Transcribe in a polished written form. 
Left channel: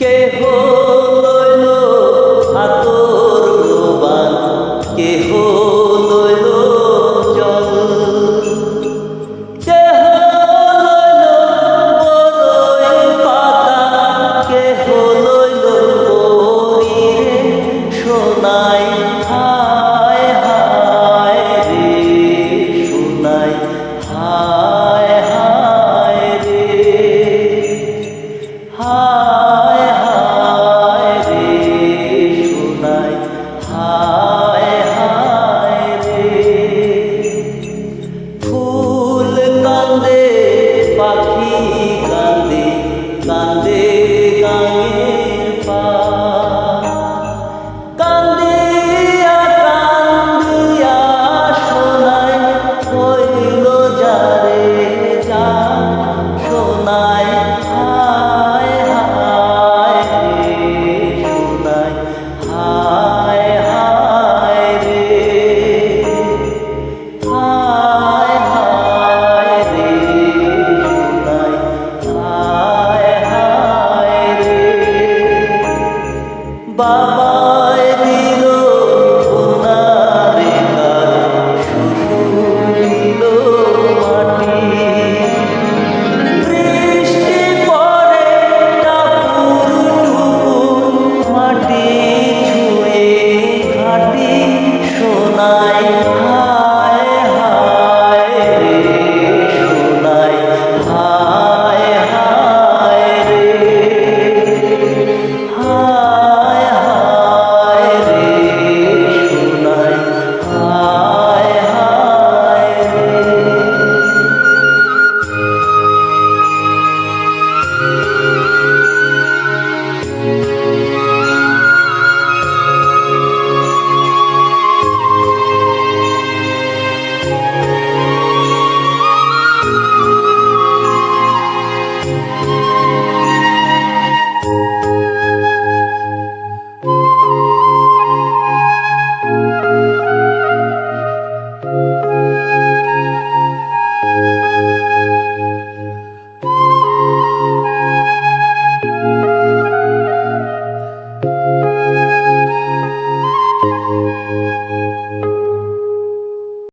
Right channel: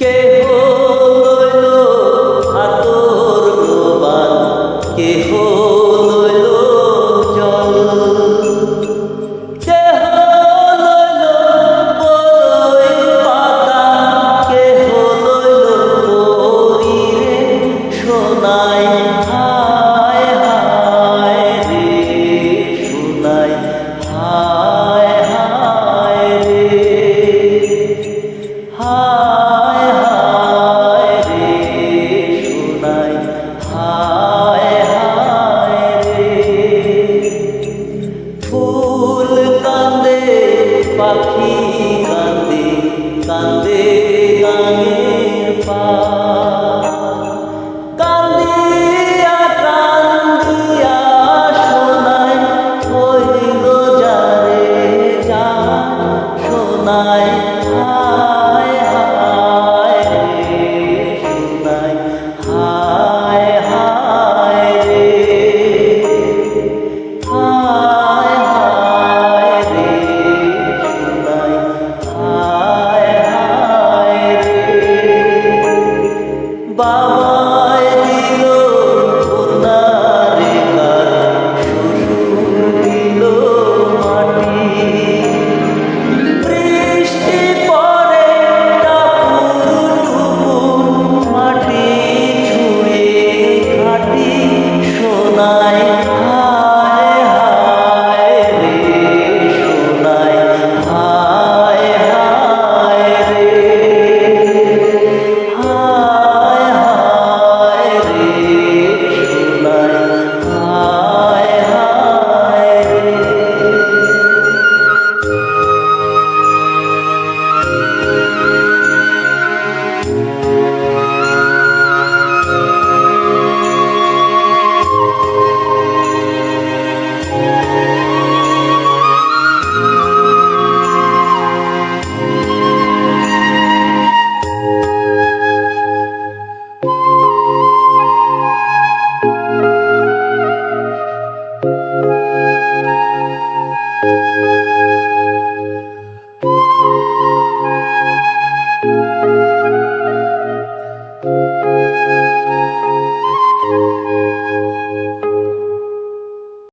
কেহ লইল আতর লোবান, কেহ লইল জল, কেহ লইল বরই পাতা, কেহ লইল পরিরে সোনাই। হায় হায় রে সোনাই, হায় হায় রে, হায় হায় রে সোনাই, হায় হায় রে। ফুল কান্দে পাখি কান্দে, কান্দে গাঙের পা, কান্দিয়া কান্দিয়া সোনাই হইল যারে যা সোনাই। হায় হায় রে সোনাই, হায় হায় রে, হায় হায় রে সোনাই, হায় হায় রে। বাবায় দিল কন্যারে কার, শ্বশুর দিল মাটি, বৃষ্টি পরে টাপুর টুপুর মাটি ছুঁয়ে ঘাটি সোনাই।